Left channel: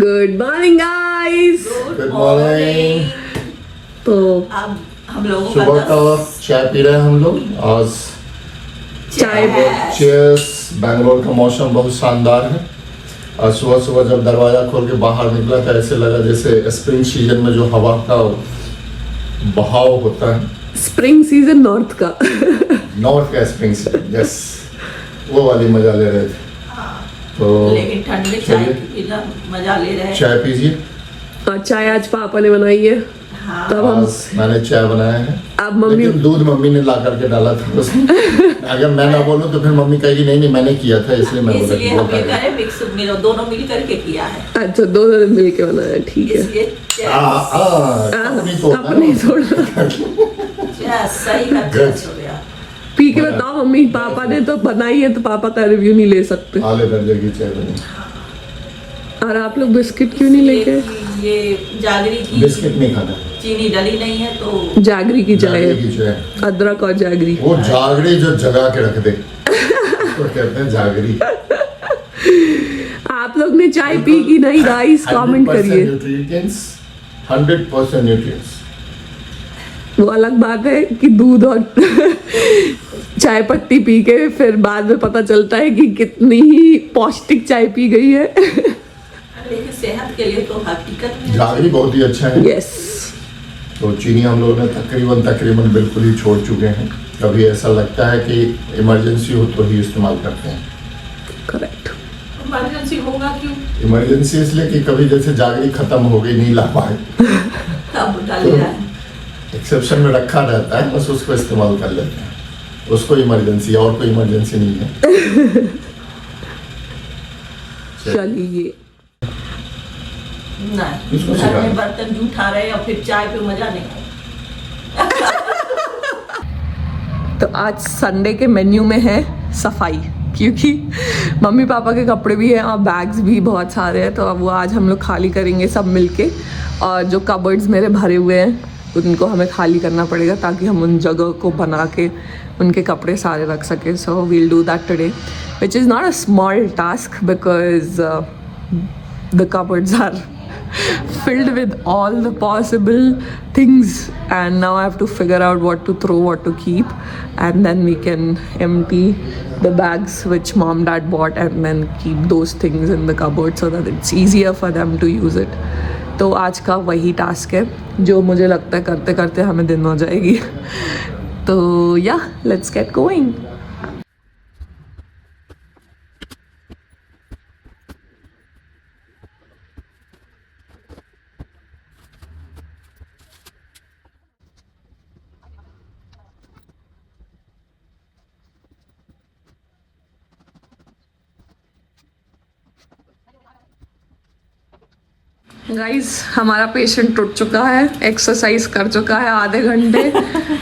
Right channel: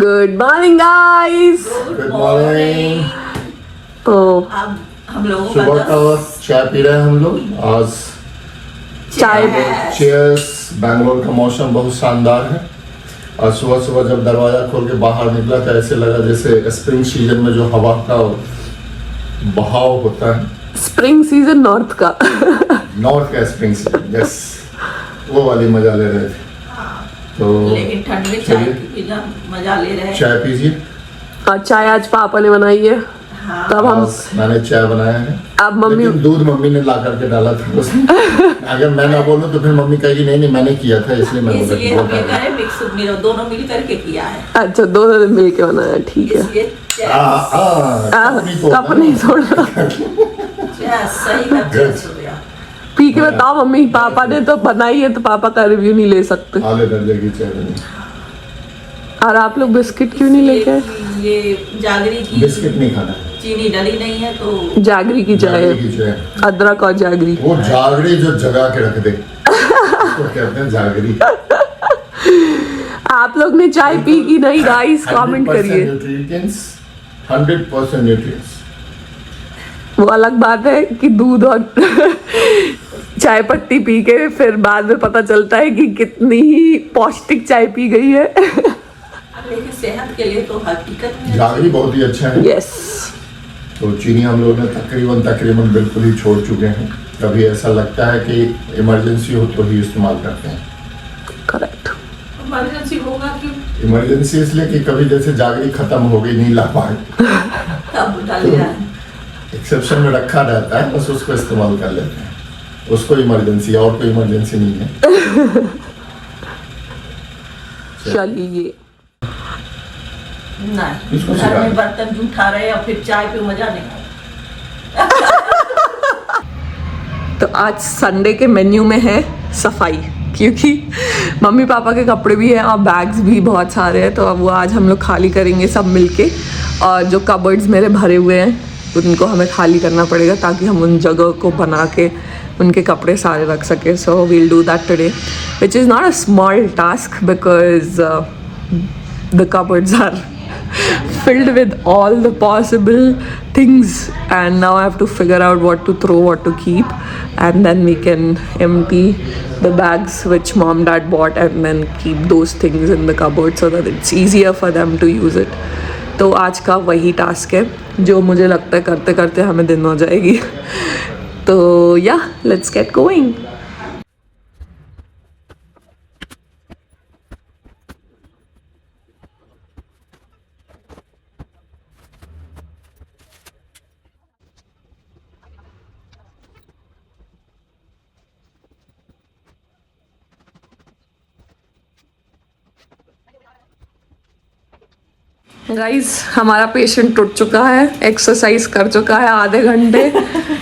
Good morning guys. Good morning. तो अब हम लोगों सुबह का चाय पी रहे हैं हम लोग। आज चाय चीयर्स। बैंगलोर का मौसम बहुत शानदार है। आज सुबह सुबह जब दरवाजा खोल के बाहर निकला तो ऐसे लगा जैसे स्प्रिंग सीजन में जो हवा का बहाव होता है। स्प्रिंग सीजन नॉर्थ का नॉर्थ का स्प्रिंग सीजन, यस, वो वाली मजा ले रहे थे। तो लेकिन ठंड में चाय पीना मजा ले रहे हैं। चाय पीजिए। और चाय आज पापा ने बनाई है। हाँ। तब हम आज मैंने चाय बनाया है। अब मम्मी लेकिन दूध मम्मी ने ला करके डाला था उसमें। अगर मैं ना बोलूं तो फिर मम्मी कहेगी नहीं मैंने किया था इसलिए मैं बोला। इसलिए हम ये करें मिक्स दोनों मिल करके किया है। अच्छा दोनों ने मिल के बनाया, ठीक है। इसलिए कप नहीं छोड़ना। चाय सही का टेस्ट हो गया। पी के बताओ मम्मी, पापा ने तो बनाई है तो पापा का रिव्यू नहीं ले सकते। आले दर्जे की चाय बनी। और आप लोग बिस्किट क्यों नहीं लेके आए? ये जागरी की बिस्किट नहीं खाना, चीनी डली नहीं है तो जागरी की चाय, जागरी की चाय। अदरक और जागरी। वो जागरी जो जगा के रख दे तो कहते हैं जागरी। आप लोग ने चाय पी की नहीं गाइस, कमेंट करिए। 100% न्यूट्रिएंट्स। वो अलग बात है कि दूध और चाय पत्ती पी के फिर बाद में पता चलता है कि कितनी ही पौष्टिक चाय पी गई है। लेकिन सेहत के लिए तो हकीकत में जागरी बहुत ही अच्छा है। यस। तो चीनी हम लोगों ने तकरीबन बिल्कुल ही छोड़ चुके हैं। कभी ऐसा लगता है कि इमरजेंसी हो तो ही इस्तेमाल करते हैं। करेक्ट। इमरजेंसी होगा क्यों? इमरजेंसी इसलिए कि कभी जैसे जागरी खत्म हो गई, नहीं ला पाए, तब डाल दिया है। एक्सेप्शन में रखा रहता है, बस उसको इस्तेमाल कर लेते हैं। उसको इमरजेंसी, और कोई इमरजेंसी नहीं है। चलिए। नहीं, इसको घर सिखा में दो। बर्तन जूठा रहे और फिर चाय पे मजा नहीं। तो आज संडे के मेन्यू में है सफाई, क्योंकि मम्मी पापा के कपड़े भी हैं और बैग्स भी बहुत सारे हैं। तो अब वो आज हम लोग खाली करेंगे सब मिलके। और जो कबर्ड्स मेरे भरे हुए हैं उनको हमें खाली करना पड़ेगा ताकि हम उन जगह को बना के उनके कपड़े सारे रख सकें। So we'll do that today, which is not a small task because the cupboards are filled with all the possible things, and now I have to figure out what to throw, what to keep, and then we can empty the bags which mom dad bought and then keep those things in the cupboard so that it's easier for them to use it. तो आज का वही task है जो मुझे लगता है करते करते हमें दिन हो जाएगी। तो या लेट्स गेट गोइंग। गाइस हमारा पेशेंट टूट चुका है, एक्सरसाइज कर चुका है आधे घंटे,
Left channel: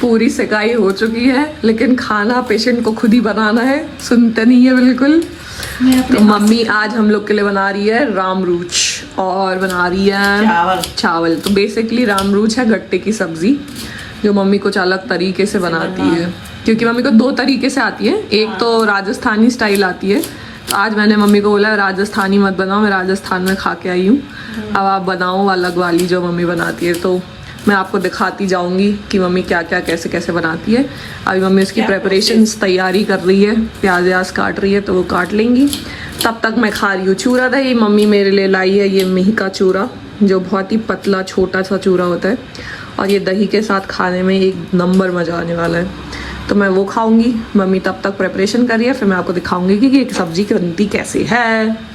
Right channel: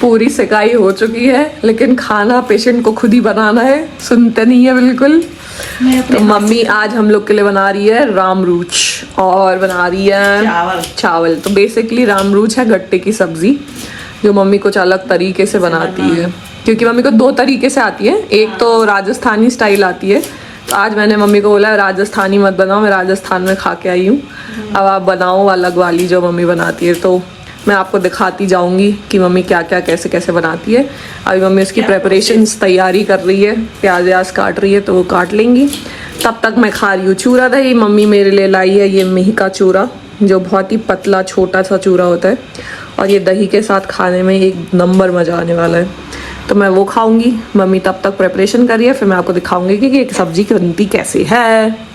पूरी सिकाई हो चुकी है, लेकिन खाना पेशेंट को खुद ही बनाना है, सुनते नहीं है बिल्कुल। तो मम्मी आज हम लोग के लिए बना रही है रामरूच और बना रही है चावल। तो बेसिकली रामरूच है गट्टे की सब्जी जो मम्मी कुछ अलग तरीके से बनाती है, क्योंकि मम्मी को दो तरीके से आती है। एक तो राजस्थानी स्टाइल आती है, तो आज मैंने मम्मी को बोला राजस्थानी मत बनाओ, मैं राजस्थान में खा के आई हूँ, अब आप बनाओ अलग वाली जो मम्मी बनाती है। तो मैं आपको दिखाती जाऊंगी कि मम्मी क्या क्या कैसे कैसे बनाती है। अभी मम्मी उसकी प्रेपरेशंस तैयारी कर रही है, प्याज व्याज काट रही है तो वो काट लेंगी। तब तक मैं खा रही हूँ चूरा दही। मम्मी मेरे लिए लाई है ये मेही का चूरा जो बहुत ही पतला छोटा सा चूरा होता है, और ये दही के साथ खाने में एक नंबर मजा आने वाला है। तो मैं वो खाऊंगी। मम्मी तब तक प्रेपरेशन करिए, फिर मैं आपको दिखाऊंगी कि एक सब्जी की बनती कैसे है।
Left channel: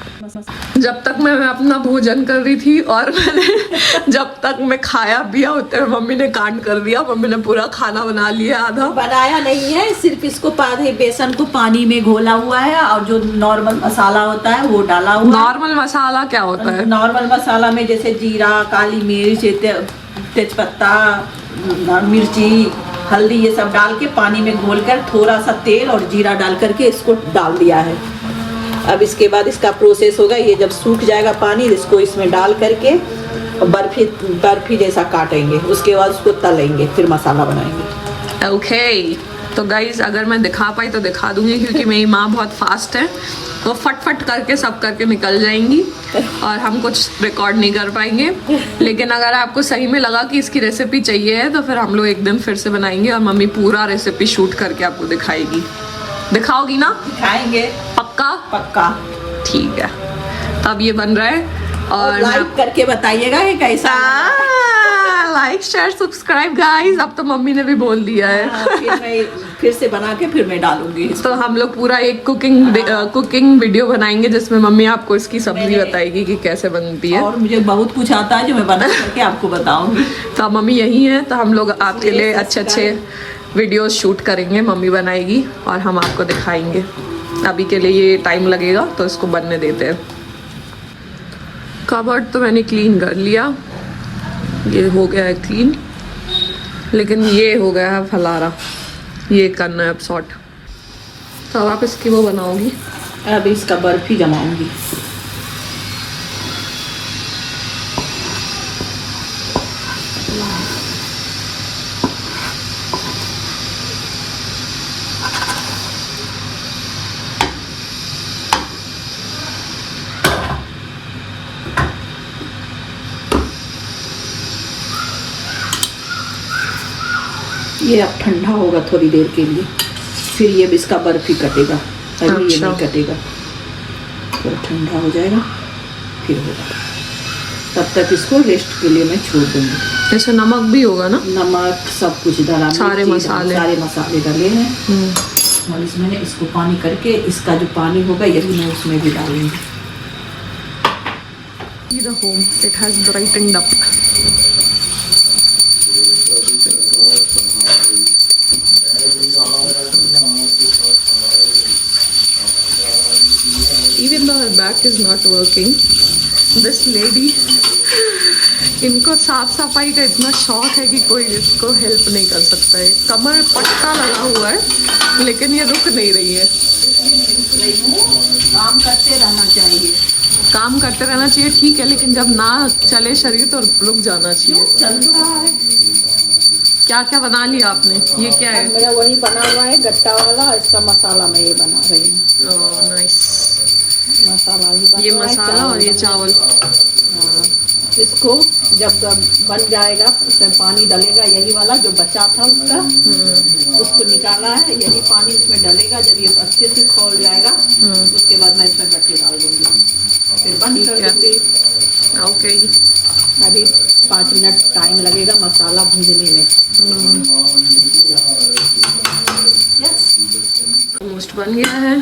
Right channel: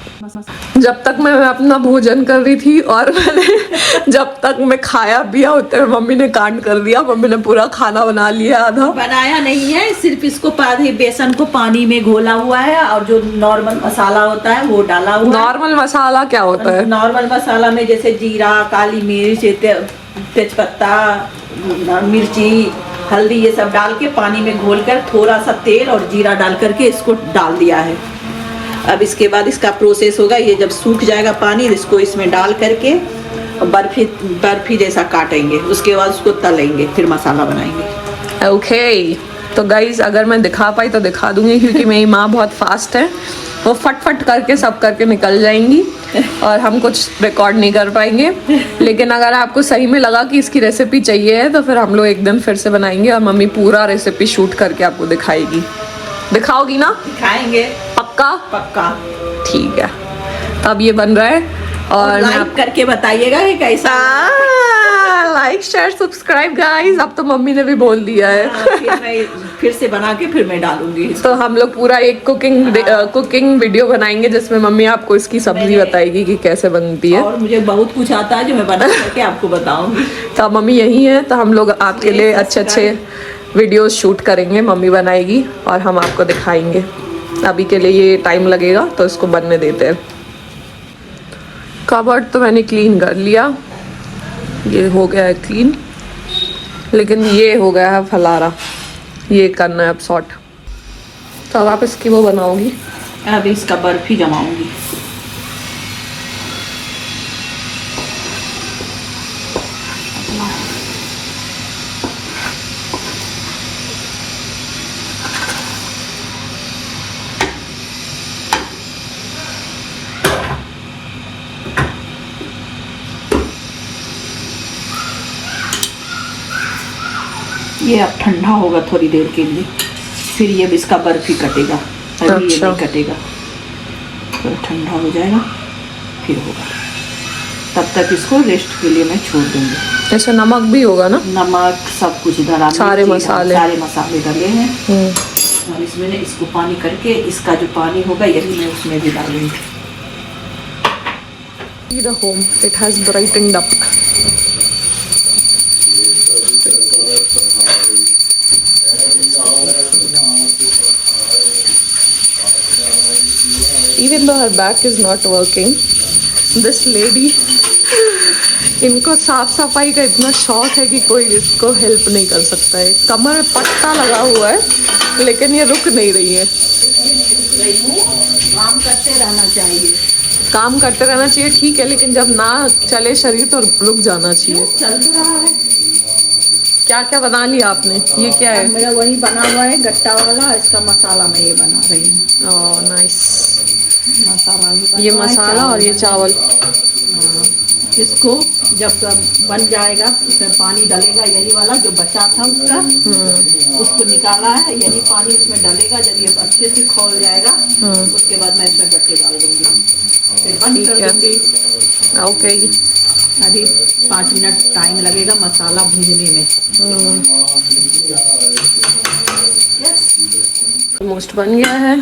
जब तक मैं अपना भोजन कर रही थी और मैंने जब तक मैं खाया पिया होते हुए मम्मी ने कांड कर दिया। मम्मी ने पूरा खाना बना लिया, आधा बनाया नहीं है, सिर्फ इसको बेसन को पानी में घोला हुआ है और जो नॉर्मल मसाला होता है वो डाला हुआ है। नॉर्मल मसाला क्या होता है? नॉर्मल मसाला में जैसे जीरा, काली मिर्च, तेजपत्ता, मिर्ची, हल्दी, ये सब डाल के पानी में घोल कर थोड़ा सा तेल और जीरा डाल करके इसको डाल दिया है। अब इसके बाद इसका प्रोसेस होगा, ये जब सूख जाएगा पानी इसको इसमें डाल करके बर्फी जैसा काटेंगे, उसके बाद उसको तलेंगे, फिर मसाला बनाएंगे। ओके तो गाइज अगर मैं दिखा पाई तो दिखा दूंगी, क्योंकि मेरी माँ बहुत फास्ट है वो फट फट करके सब करके निकल जाएंगी और हम कुछ रिकॉर्ड नहीं कर पाएंगे। लेकिन अगर आपको सही में लगा कि इसकी रेसिपी चाहिए है तो फिर हम लोग एक दिन फिर से बनाएंगे और मम्मी पूरा रेसिपी शूट करके आपको दिखाएगी। दिखाओगी ना? दिखाएंगे, पक्का? पक्का। ठीक है, तो अब ये बन रहा है और मैं लाइक करके बताइएगा कि कैसा। Like share subscribe guys. अब तो मम्मी ने भी बोल दिया है। फिर से बना के फिर मैं डालूंगी। तो हम लोग पूरा एक कुकिंग वीडियो बनाएंगे जिसमें मम्मी आपको इसकी सब्जी बताएगी कि कैसे बनती है। और मुझे बहुत कुछ आता है जो मैं बना करके आपको बताऊंगी। तो मम्मी यही है, तो हम लोग आपके लिए अच्छे वीडियोस शूट करेंगे। मम्मी बनाएगी और हम आपको दिखाएंगे। अभी के लिए ये टाइम लगेगा तो इसको बनने देते हैं। कबर्ड तो मैंने क्लीन कर लिया, ये हो गया है क्लीन, लेकिन ये हो गया है फलारा, ये करना है अब सॉर्ट। तो अब आप इसकी वो बनाओगी? अब इसका बर्फी जमाऊंगी। ये अब ठंडा होगा थोड़ी देर के लिए, फिर ये इसका बर्फी कटेगा। अभी ये अच्छा। नहीं कटेगा, तो ठंडा हो जाएगा फिर होगा। तब तक इसको रेस्ट के लिए मैं छोड़ दूंगी। ऐसे नमक भी होगा ना? नमक सब कुछ डाला, सारे मसाले। सारे मसाले डाले हैं। और इसमें इसको पानी करके इसका जो पानी होगा यही मैं उसमें भी डालूंगी। The home, it has brightened up. Even though her back is not working, this lady, इनको साफ सफाई का इतना शौक है कि कोई इसको हेल्प नहीं कर सकता है। कमर में पट्टा लगा हुआ है लेकिन ये रुक नहीं रही है। काम करते रहना चाहिए। काम करते रहना चाहिए, ठीक है, लेकिन जब ना चले शरीर तो रुक जाना चाहिए। चल तो रहा है। क्या क्या बना लिया आपने? ये क्या है? मेरा वही बना हुआ है गट्टा वाला, इसका मसाला मैं ये बना रही हूँ। Oh nice. मसाला ये मसाला और ये चावल। इसको जब बन जाएगा उसमें पानी डलेगा, यही वाला जो बचा था उसको निकाला है, यही पानी इसमें डलेगा। जब ये अच्छे से खौल जाएगा उसके बाद मैं इसमें गट्टे डाल दूंगी, फिर बंद कर दूंगी। ओके, अभी 5 मिनट टाइम लगेगा मसाला भूनने में। ऑलमोस्ट बन गया है।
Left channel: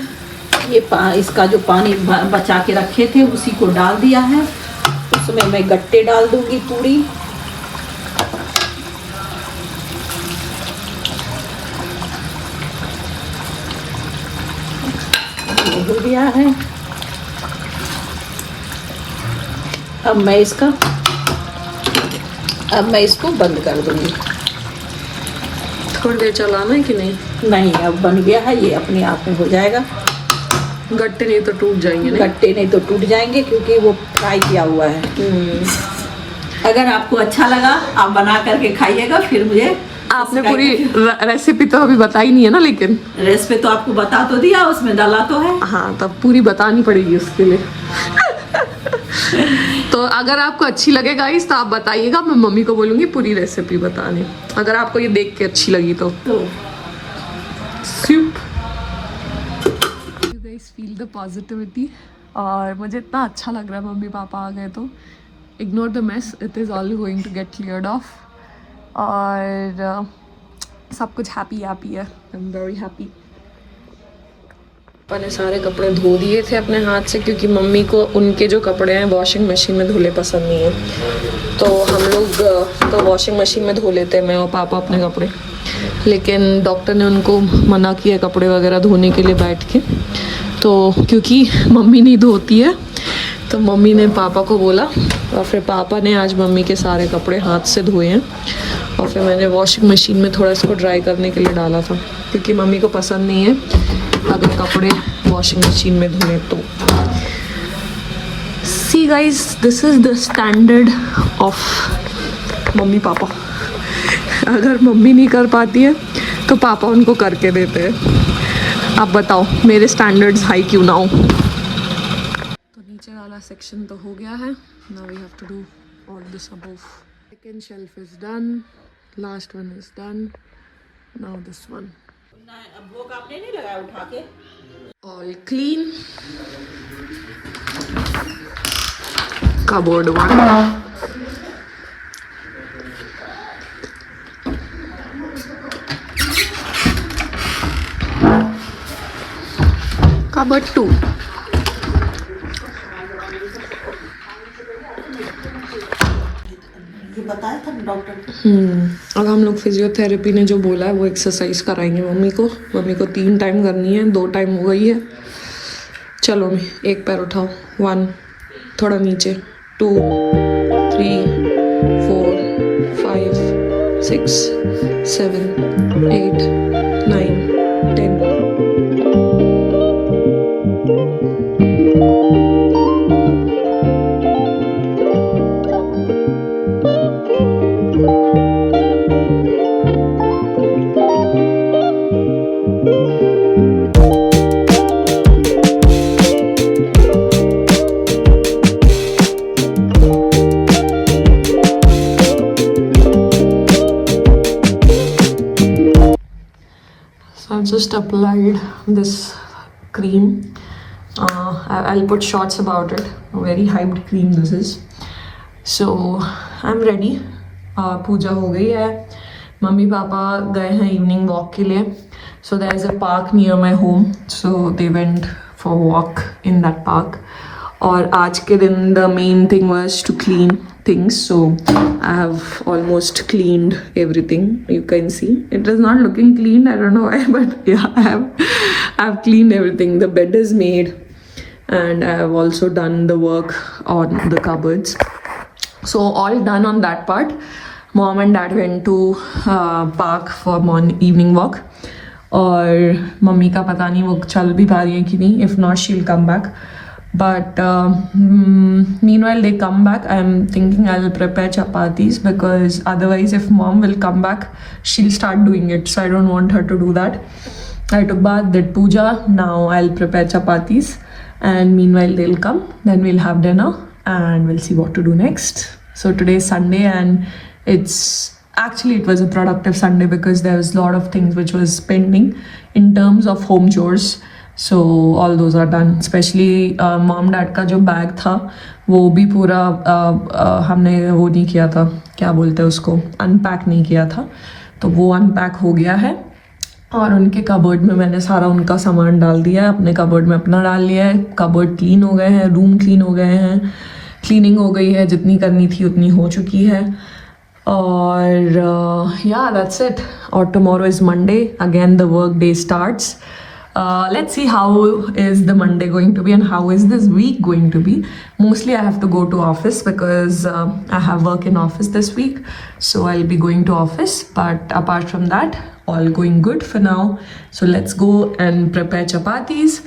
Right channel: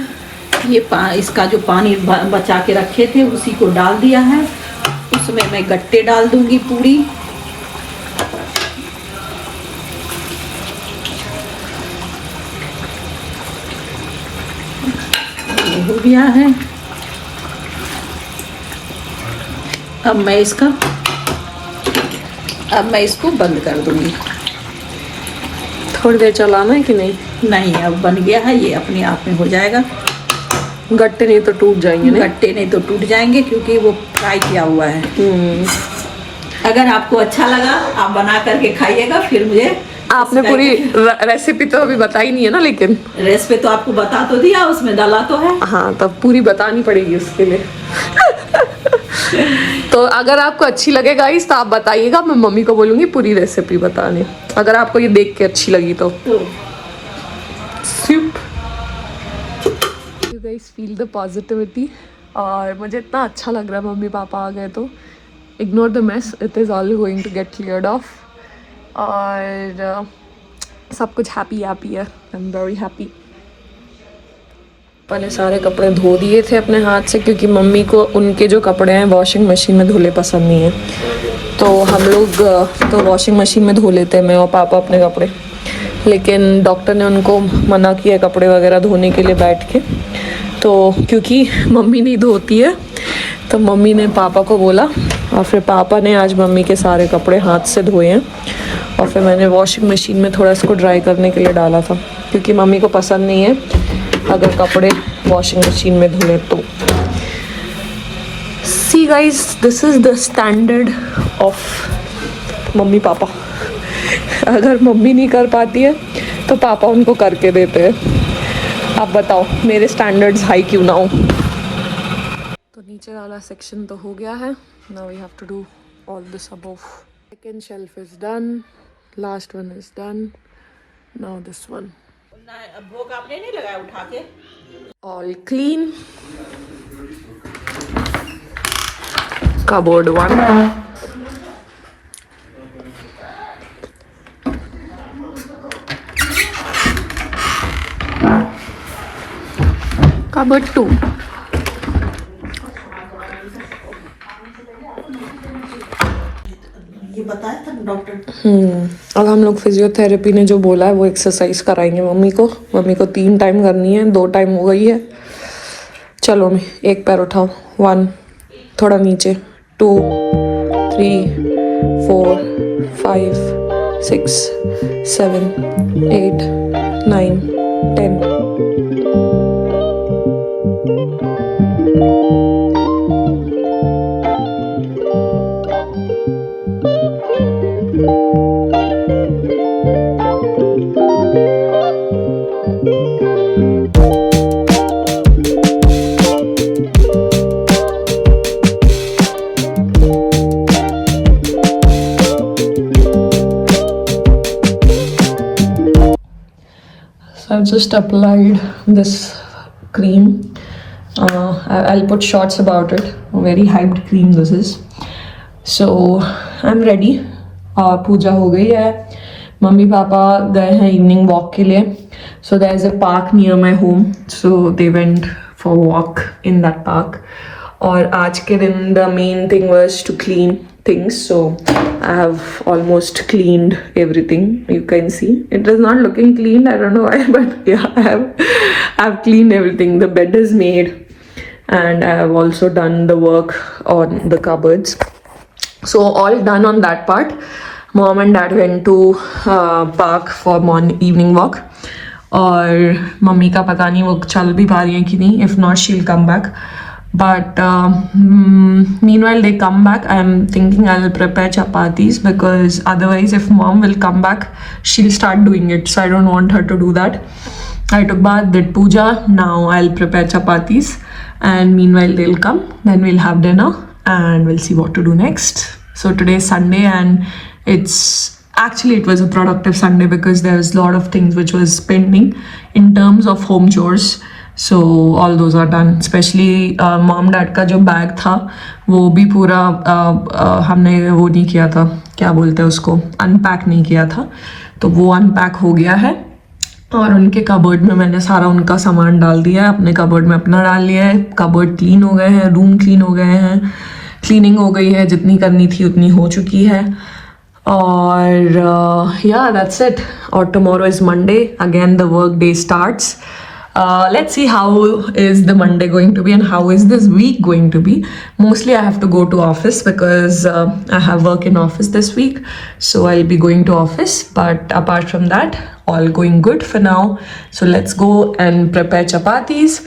ये इसका जो पानी बचा के रखे थे उसी को डाल दिया है। उसमें मैं गट्टे डाल दूंगी पूरी। हो गया है। अब मैं इसको बंद कर दूंगी। थोड़ी देर चलाना है कि नहीं? नहीं, अब बन गया है, ये अपने आप में हो जाएगा। गट्टे नहीं तो टूट जाएंगे ना? गट्टे नहीं तो टूट जाएंगे क्योंकि वो फ्राई किया हुआ है। अगर आपको अच्छा लगा आप बना करके खाइएगा, फिर मुझे आपने पूरी रेसिपी तो अभी बताई नहीं है ना? लेकिन रेसिपी तो आपको बता तो दिया, उसमें डाला तो है। हाँ, तब पूरी बतानी पड़ेगी उसके लिए। तो अगर आपको अच्छी लगे गाइस तो आप बताइएगा, मैं मम्मी को बोलूंगी पूरी रेसिपी बताने, अगर आपको ये देख के अच्छी लगी तो। You guys feel the positivity, और मुझे इतना अच्छा लग रहा है मम्मी पापा आ गए तो। Ignore the mess, it is all going to get cleared off. और सब कुछ हैप्पी है। I am very happy. मैंने सारे कपड़े धो दिए थे अपने हाथ से, क्योंकि मम्मी को उनके जो कपड़े हैं वॉशिंग मशीन में धुले पसंद नहीं है। तो हम लोग तो वॉशिंग मशीन में धो लेते हैं, मैं और पापा अपने कपड़े। लेकिन डॉक्टर ने उनको मना किया कपड़े वगैरह धोने के लिए बैठ के। तो क्योंकि मम्मी नहीं धोती है तो मम्मी ने पापा को बोला, और फिर पापा ने आज मम्मी के सारे कपड़े हाथ से धोए हैं। और फिर मैंने वॉशिंग मशीन में थोड़ा इसको ड्राई करने के लिए डाला था, क्योंकि मम्मी को पसंद नहीं है अगर कपड़े वॉशिंग मशीन में धुले तो। See guys, this is the standard of mummy papa. अगर मम्मी नहीं कर पाती है तो पापा उनको करके देते हैं। अब बताओ मेरे स्टैंडर्ड्स हाई क्यों ना हो। नीचे वाला सेक्शन तो हो गया है. Now we have to do all this above. Second shelf is done. Last one is done. Now this one. अब वो आपने नहीं लगाया उठा के? All clean. Cupboard 1. Cupboard 2. ये बताया था ना डॉक्टर. अब हम लोग फिजियोथेरेपी ने जो बोला है वो एक्सरसाइज कराएंगे मम्मी को. मम्मी को 3 टाइम करनी है, 2 टाइम हो गई है. चलो मैं एक पैर उठाओ. 1, थोड़ा नीचे. 2, 3, 4, 5, 6, 7, 8, 9, 10. So I've just applied this cream. I'll put shots about it. A very hyped cream this is. So I'm ready. पूजा हो गई है. मम्मी पापा गए हैं इवनिंग वॉक के लिए. So there is a park near my home. So they went for a walk in that park. और आज के दिन the main thing was to clean things. So I have almost cleaned everything. You can see it is not looking clean. I don't know why, but yeah, I've cleaned everything. The bed is made, and I have also done the work on the cupboards. So all done on that part. Mom and dad went to park for evening walk. और mummy का पता नहीं वो चल भी पा रही है कि नहीं. If not, she'll come back. But meanwhile they come back, I'm thinking I'll prepare chapatis because otherwise if mom will come back, she'll start doing it. So I don't want her to do that. I took bath, did puja. Now I'll prepare chapatis, and meanwhile they'll come. Then we'll have dinner and we'll see what to do next. So today is Sunday, and it was a productive Sunday because there was a lot of things which was pending in terms of home chores. So all those are done. Especially mom dad का जो bag था वो भी पूरा हमने वो नहीं किया था, क्या बोलते हैं उसको, अनपैक नहीं किया था. तो वो अनपैक हो गया है. और उनके कबर्ड में मैंने सारा उनका सामान डाल दिया है. अपने कबर्ड में अपना डाल लिया है. कबर्ड क्लीन हो गए हैं, रूम क्लीन हो गए हैं, क्लीनिंग हो गई है. जितनी करनी थी उतनी हो चुकी है. और yeah, that's it. और tomorrow is Monday. Again the work day starts. Let's see how is the Monday going to be and how is this week going to be. Mostly I have to go to office because I have work in office this week. So I'll be going to office. But apart from that, all going good for now. So let's go and prepare chapatis.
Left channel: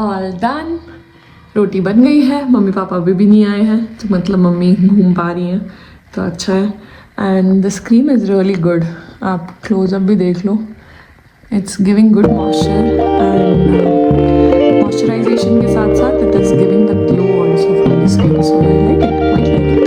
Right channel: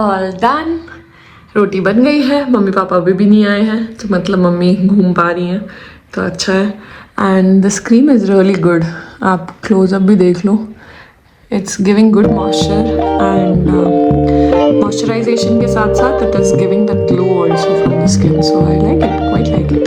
All done. रोटी बन गई है, mummy papa अभी भी नहीं आए हैं, तो मतलब मम्मी घूम पा रही हैं, तो अच्छा है। And the cream is really good, आप क्लोजअप भी देख लो, it's giving good moisture and moisturization के साथ साथ it is giving the glow also from the skin, so I like it, quite like it.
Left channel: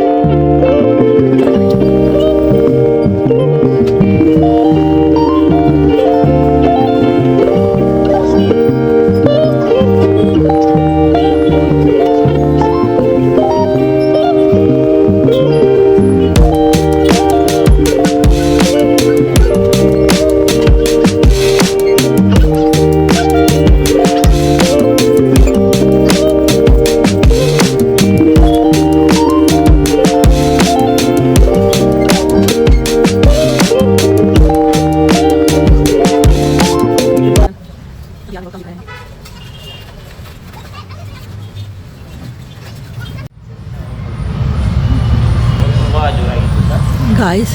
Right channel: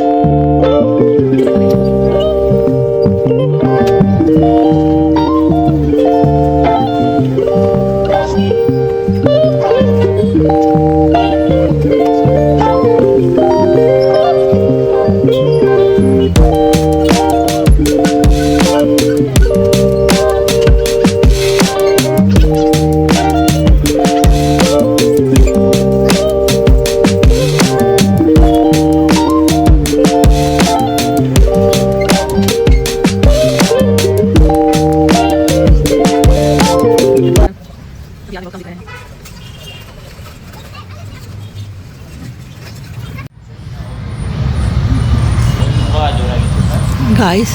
Guys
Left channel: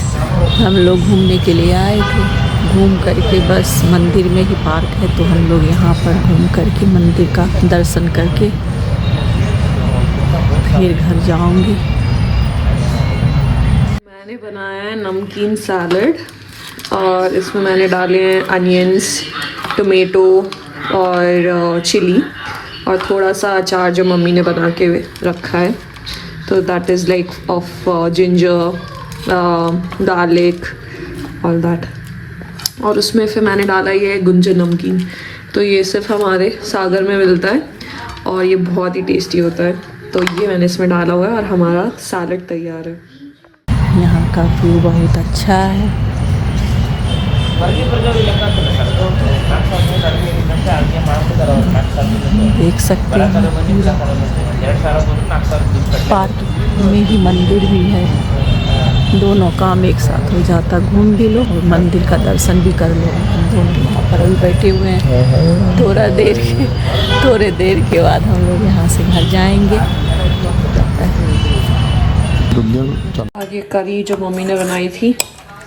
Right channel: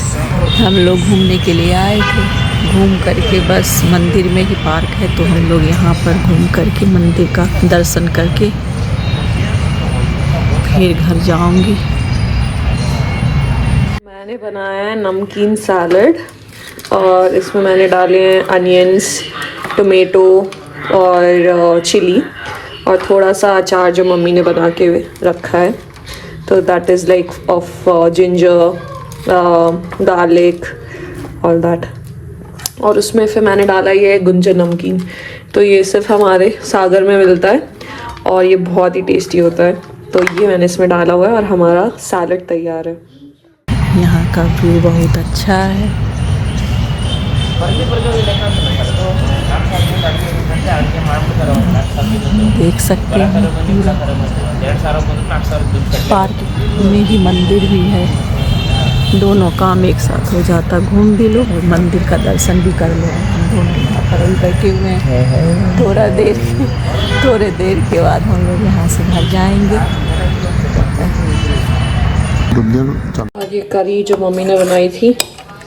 हम लोग घूमने के लिए आए थे, घूम करके बस मंदिर में ही पार्क है, तो हम लोग यहाँ पर घूम करके मंदिर का दर्शन करके फिर घर जाऊंगी। मैंने बनाया है नमकीन सैलड और इसमें मैंने डाले हैं अनियंस, टोमेटो और चिली और थोड़ा सा अचार जो मम्मी ने बना के रखा है, तो that is like of ginger, garlic all that. और उसमें फिर मैंने डाला ये गुंजन नमकीन, तो ये सिर्फ हमारे सागर में मिलता है और ये बहुत ही टेस्टी होता है, तो ये मैंने इसमें डाला हुआ है और हमारा सैलड तैयार है। यहाँ का व्यू बहुत अच्छा है। देख सकते हैं पूरा पार्क में ही मंदिर भी है, दोनों काम एक साथ हो जाता, घूम भी लो और मंदिर का दर्शन भी कर लो। हम दोनों यहाँ पर अभी बैठे हुए हैं, थोड़े देर के बाद हम लोग यहाँ से घर जाएंगे। और ये करी जो मम्मी ने बनाई थी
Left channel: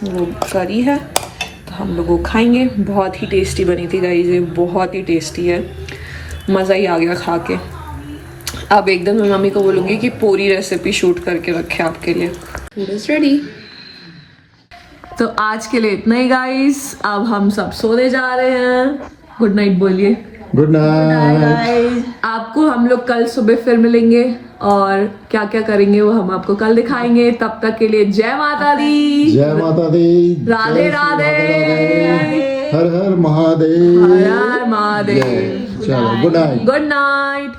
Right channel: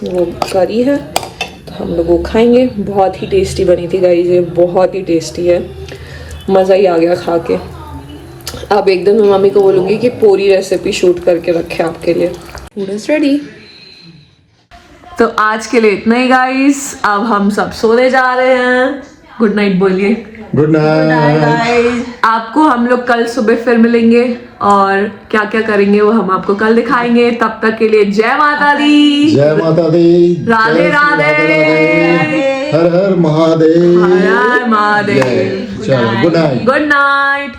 वो करी है, तो हम लोग वो खाएंगे। बहुत ही टेस्टी बनी थी गाइस, ये बहुत ही टेस्टी है, मज़ा ही आ गया खा के। अब एक दिन मैं मम्मी को बोलूँगी कि पूरी रेसिपी शूट करके रखे आपके लिए। Food is ready. तो आज के लिए इतना ही गाइस, अब हम सब सोने जा रहे हैं। गुड नाइट बोलिए। गुड नाइट गाइस, आपको हम लोग कल सुबह फिर मिलेंगे और क्या क्या करेंगे वो हम आपको कल दिखाएंगे। तब तक के लिए जय माता दी, जय माता दी, राधे राधे, हर हर महादेव, हर हर Mahadev. Good night. Good night.